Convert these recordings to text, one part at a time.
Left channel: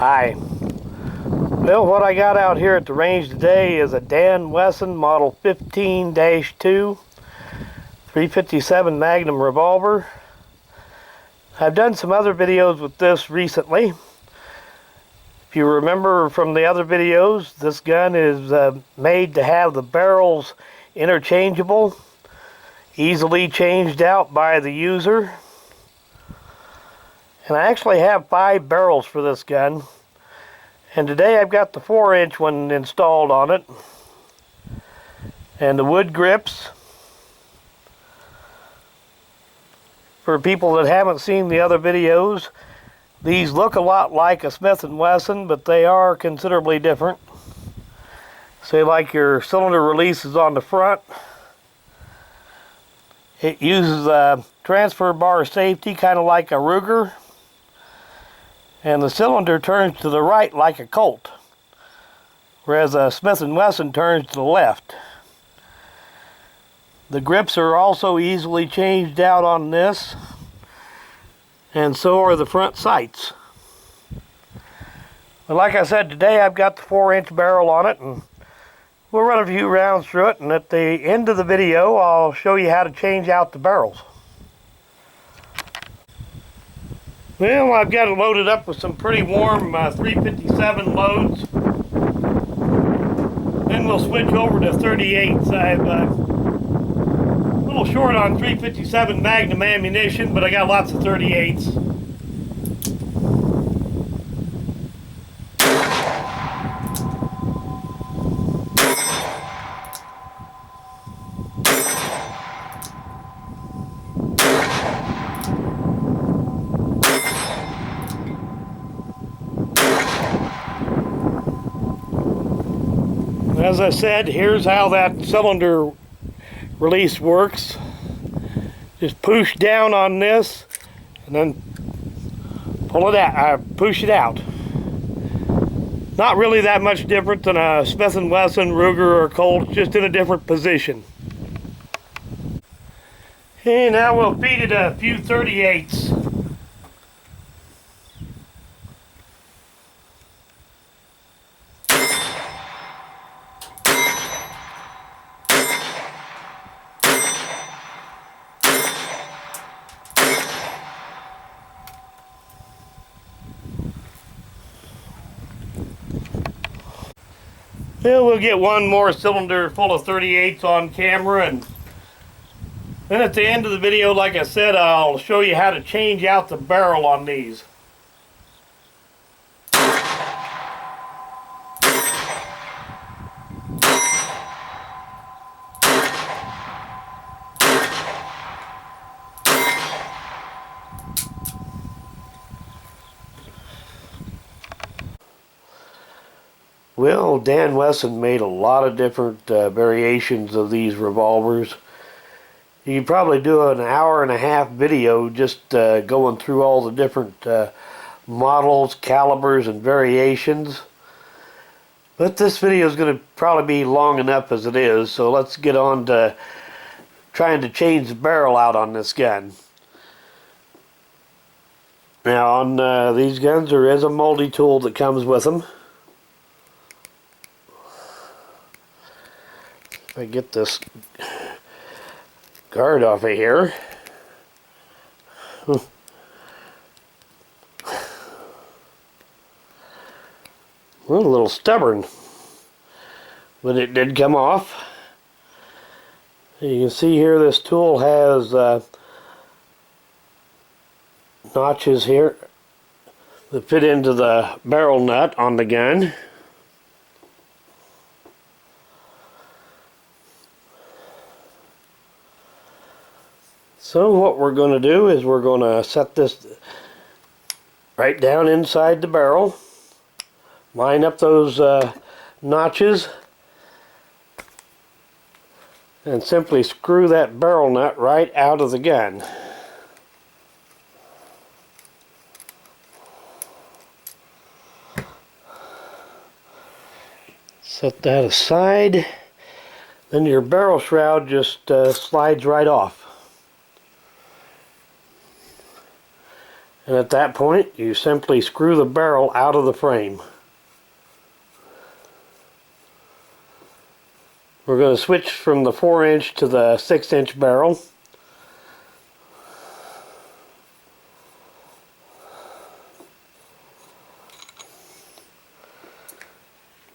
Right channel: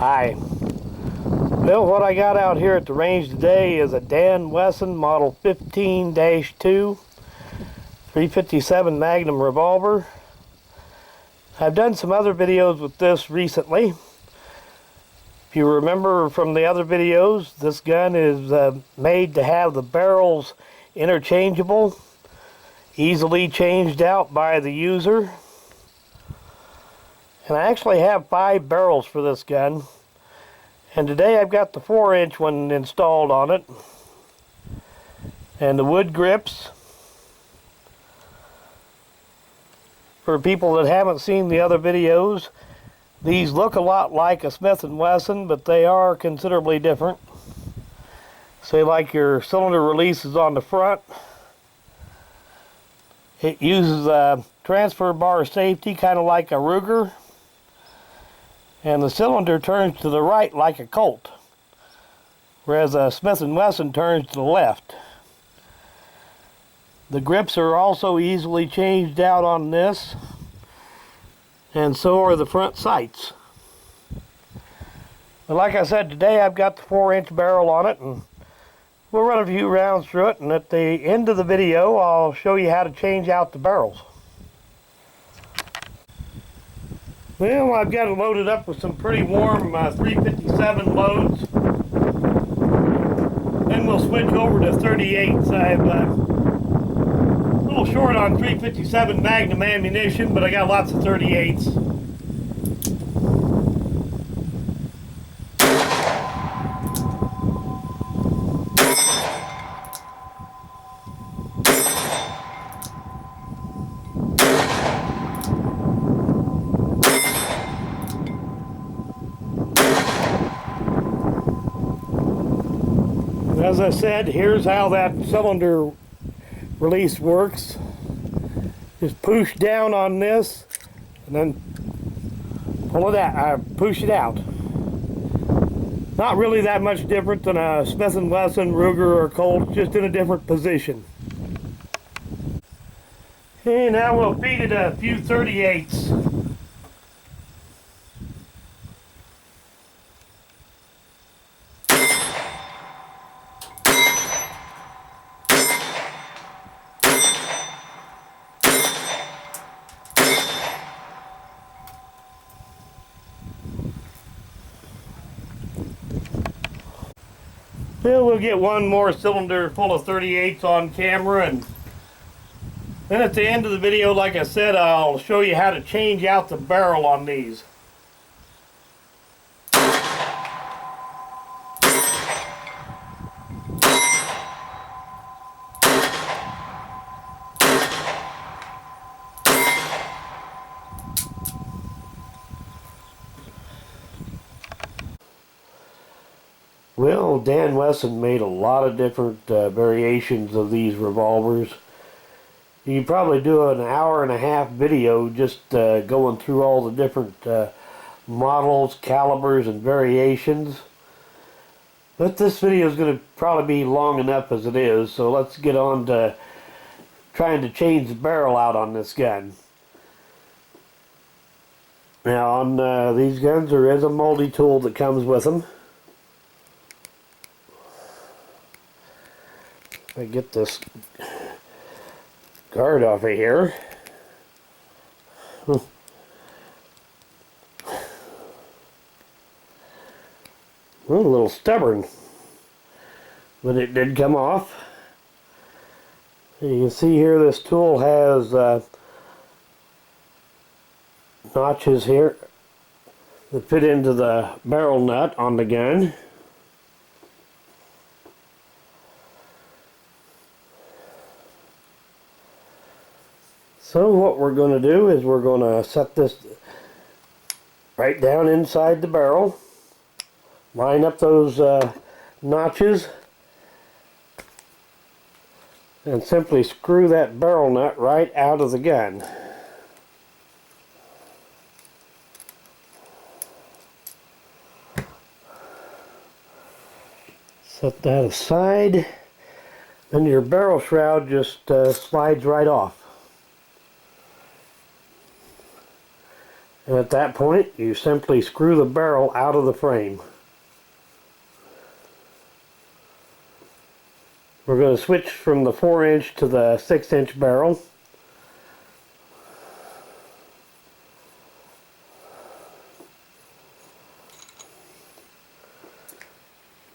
Hi. Well, what I got out here at the range today is a Daw Wesson model 15-2 357 Magnum revolver. I've done some other videos with this recently. If you remember from the other videos, this gun is made to have the barrels interchangeable, easily changed out by the user. And I actually have 5 barrels for this gun. And today I've got the 4-inch one installed on it. And the wood grips. For people that haven't seen the other videos, these look a lot like a Smith & Wesson, but they are considerably different. Say like your cylinder release is on the front. It uses a transfer bar safety, kind of like a Ruger. And the cylinder turns to the right like a Colt, whereas a Smith & Wesson turns to the left. The grips are also easily changed out on this, and so are the front sights. But like I said, today I've got the 4-inch barrel on it, and we'll run a few rounds through it, and at the end of the video I'll show you how to change out the barrels. Well, I've got it loaded up with some pretty warm 357 loads. Then we'll switch over to 38s. I'm a little short on 357 Magnum ammunition, but I got lots of 38s. As I said, here's how that cylinder release works. Just push down on this and then pull it out, push it out. Not really that much different than a Smith & Wesson, Ruger, or Colt, just in a different position. Okay, now we'll feed it a few 38s. Well, we'll get one more cylinder full of 38s on camera, and then at the end of the video, like I said, I'll show you how to change out the barrel on these. Well, Daw Wesson made a lot of different variations of these revolvers. You could probably do an 1.5-hour video just going through all the different models, calibers, and variations. But this video is going to probably be long enough as it is, so let's get on to trying to change the barrel out on this gun. Now, on these guns, there is a multi-tool that comes with them. If I get this guard off of here. A little stubborn, but it did come off. You can see here this tool has notches here that fit into the barrel nut on the gun. So what we're going to do is we're going to set this right down inside the barrel, line up those notches, and simply screw that barrel nut right out of the gun. Set that aside, then your barrel shroud just slides right off. And at that point, you simply screw the barrel out of the frame. We're going to switch from the 4-inch to the 6-inch barrel.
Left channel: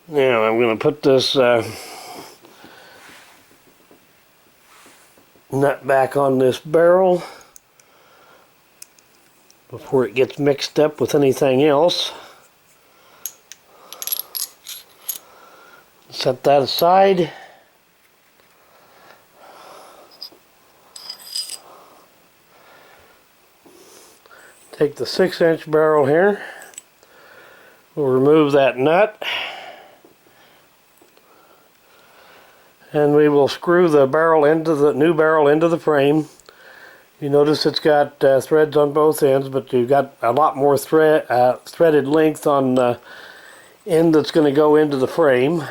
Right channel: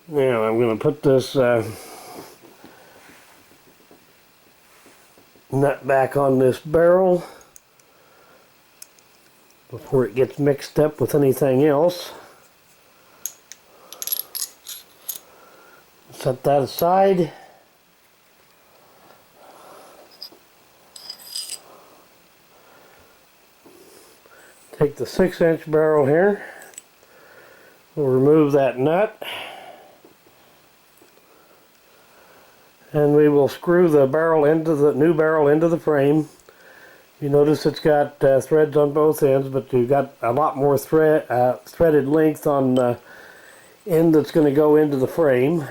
Now I'm going to put this nut back on this barrel before it gets mixed up with anything else. Set that aside. Take the 6-inch barrel here. We'll remove that nut. And we will screw the barrel into the new barrel into the frame. You notice it's got threads on both ends, but you've got a lot more threaded length on the end that's going to go into the frame.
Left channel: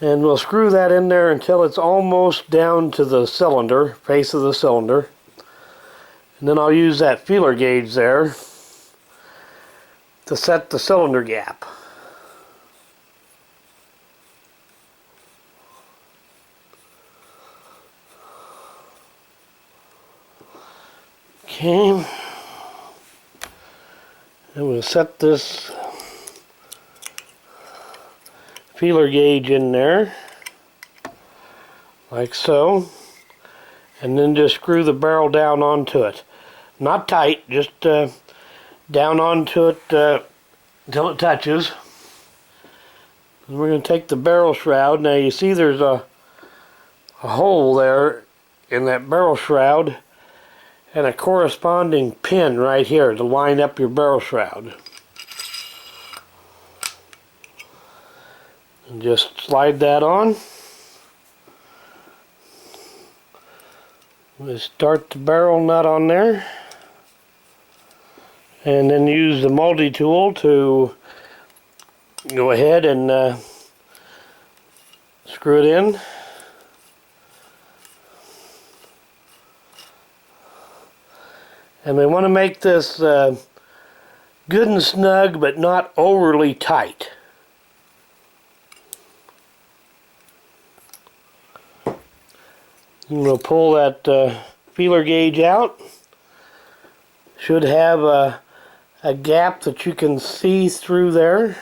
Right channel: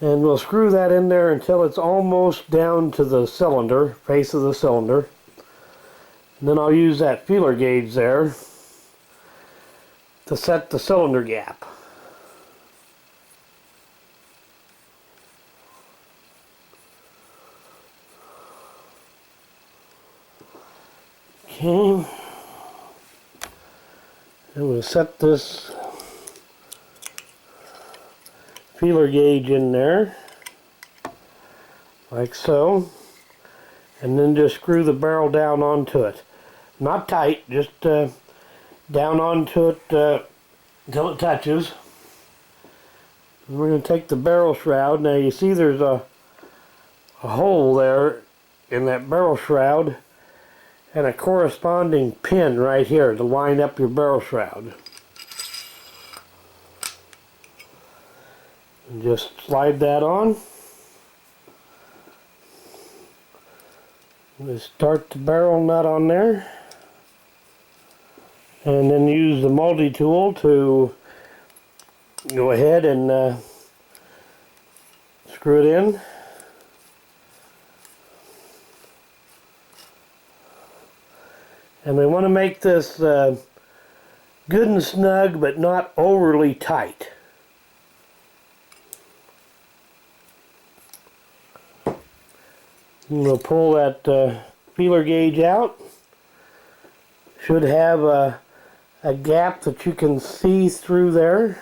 And we'll screw that in there until it's almost down to the cylinder, face of the cylinder. And then I'll use that feeler gauge there to set the cylinder gap. Okay, and we'll set this feeler gauge in there, like so, and then just screw the barrel down onto it. Not tight, just down onto it until it touches. And we're going to take the barrel shroud. Now you see there's a hole there in that barrel shroud, and a corresponding pin right here to line up your barrel shroud. And just slide that on. We'll start the barrel nut on there. And then use the multi-tool to go ahead and screw it in. And we want to make this good and snug, but not overly tight. And we'll pull that feeler gauge out. Should have a gap that you can see through there.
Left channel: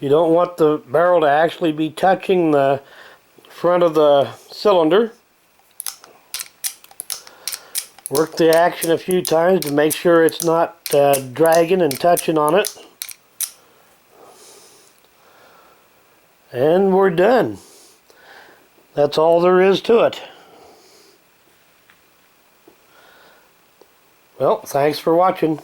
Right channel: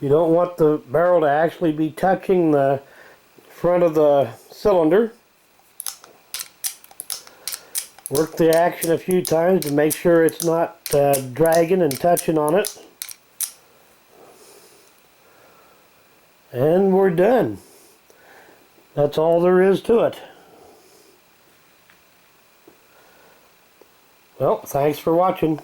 You don't want the barrel to actually be touching the front of the cylinder. Work the action a few times to make sure it's not dragging and touching on it. And we're done. That's all there is to it. Well, thanks for watching.